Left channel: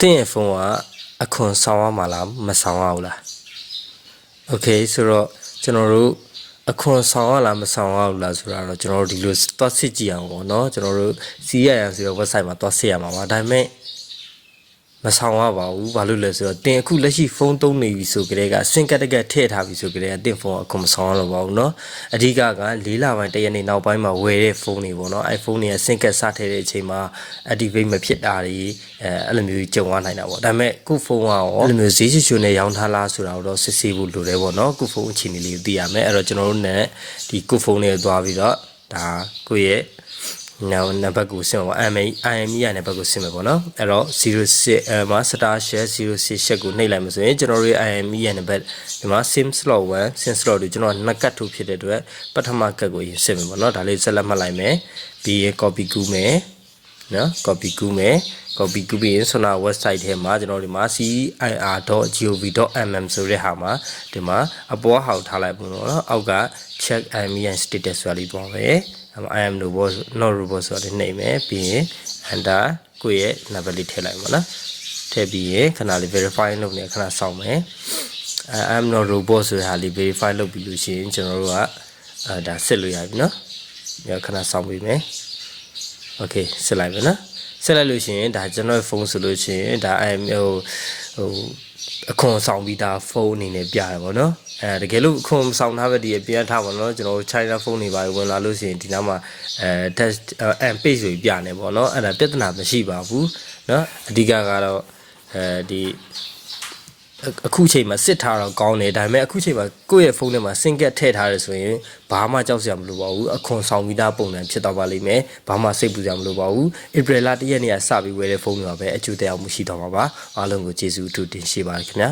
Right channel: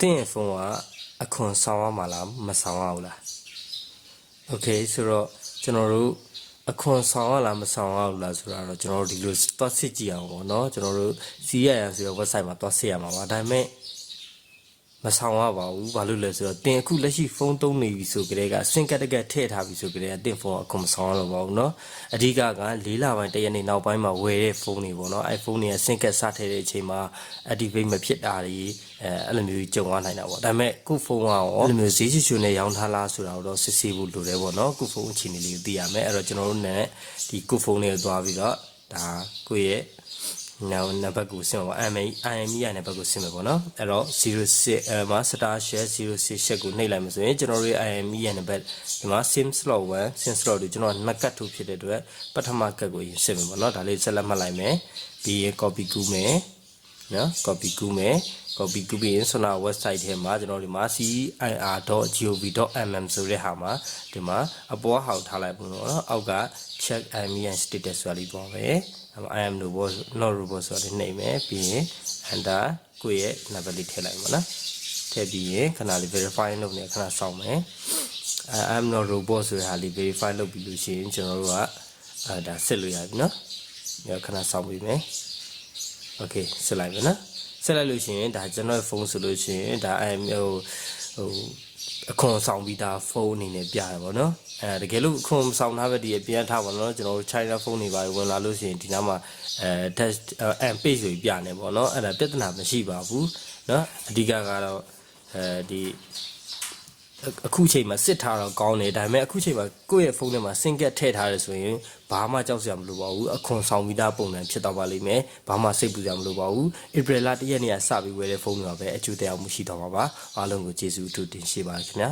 တင်းဖုန်းကအခွန်ဆောင်ရမှာလားမဆောင်ရဘူးလားโอเคဆိုတော့ကျွန်တော်တို့အခွန်ဆောင်ရလားမဆောင်ရဘူးလားဆိုတာတော့ကျွန်တော်တို့ဒီလိုသွားစစ်ကြည့်အောင်ပေါ့နော်ကျွန်တော်တို့ CRM ဆိုတဲ့ website မှာသွားစစ်ရမှာပါဒါပေမဲ့မဆောင်ရပါဘူးဘာလို့လဲဆိုတော့တင်အခုလက်ရှိဖုန်းသုံးနေပြီဆိုကြတဲ့ကစင်ကတ်တကက်ထည့်ထားပြီဆိုကြတဲ့တင်ဖုန်းအခွန်မဆောင်ရလို့ပါဘူးเนาะအဓိကက၄လပိုင်းတရက်နေ့နောက်ပိုင်းမှာဝယ်တဲ့ဖုန်းတွေပေါ့နော် iPhone တွေကစင်ကတ်စထည့်တဲ့အချိန်မှာ activate မဖြစ်တာတွေအဲ့လိုမျိုးကြုံရနိုင်တာပေါ့ဒါပေမဲ့ခုဖုန်းကရောအဲ့လိုမျိုးဈေးချွတ်နဲ့ရောင်းထားလားဆိုတာတော့စစ်ဆေးဖို့လိုတယ်ပေါ့နော်ခုဖုန်းအခြေအနေလေးကိုသိရမယ်အဲ့တော့ကျွန်တော်တို့ ਨੇ ဒီခုဖုန်းလေးကိုသွားပြီးတော့ဒါကိုယ့်ရဲ့နောက်နံပါတ်ကိုဆင်ပါ IME ရနံပါတ်ကိုဆင်မယ်ပေါ့နော်အဲ့တော့06မှာ star share 06 share ကိုနှိပ်လိုက်မှာဆိုရင်ကျွန်တော်တို့ IME ရနံပါတ်ဒီမှာ sim slot 1 sim slot တွေကျွန်တော်နှစ်ကတ်ထုတ်ဖြစ်တဲ့အတွက်ပထမကတ်ကိုရင်ဆင်မယ်ပေါ့နော်ဒါလေးဆက်လက်မှတ်လိုက်မယ်ပြီးရင် copy ကူးမယ်နော် copy ကူးမယ် copy ကူးပြီးရင်ဆိုတော့ website ထဲမှာကျွန်တော်ဒီမှာ cir.gov.mm ဆိုတဲ့ဟာမှာဒီမှာအပေါ်ဟောက်ထားလိုက်ပေါ့နော်အောက်က check IME status ဆိုတာလေးပေါ့ပဲ I am robot not robot ဆိုတဲ့နှိပ်မယ်ပြီးရင် enter ကိုယ့်ရဲ့ number လေးထည့်လိုက်ပါနော်ထည့်ပြီးရင်ခဏလေး verify လုပ်နေခဏစောင့်မယ်I am not robot ဆိုတဲ့ဟာလေး verify လုပ်ပြီးလို့ရှိရင်ကျွန်တော်တို့ကဒါစစ်လို့ရပြီနော်ညခဏစောင့်ပေးမယ် okay စစ်လိုက်ပြီနော်စစ်လိုက်လို့ရှိရင်ဒါကျွန်တော်ဖုန်းဆိုလို့ရှိရင်ဒါ I am ဟိုအခွန်ဆောင်ပြီးသားဖုန်းအနေနဲ့ပြရပါတော့တကယ်လို့အခွန်ဆောင်ထားပဲဒီအပြန်ထားပါတော့ကျွန်တော်တို့ China ဖုန်းတွေပါဝင်လာလို့ရှိရင်ဒီနားမှာtest and page ဆိုပြနေပေါ့နော်အဲ့ဒါပြဿနာမရှိပါဘူးเนาะအဓိကကတော့ဒီအခုချိန်မှာစစ်ထားတော့ကောင်းတယ်ဒါပေမဲ့အခုချိန်မှာကိုယ့်ရဲ့ဖုန်းထဲမှာ SIM card ထည့်ထားရဆိုရင်ဘာမှကြောက်စရာမလိုပါဘူးအခွန်ဆောင်ပြီးသားပုံစံဖြစ်တော့ပါလိမ့်မယ်ဘာမှစိတ်ပူစရာမလိုပါဘူးဧပြီလ1ရက်နေ့ကစပြီးဝယ်တဲ့ဖုန်းတွေပါပဲအကျိုးတရားမှုရှိတော့မှာပါအားလုံးကိုကျေးဇူးအထူးတင်ရှိပါတယ်ခင်ဗျာ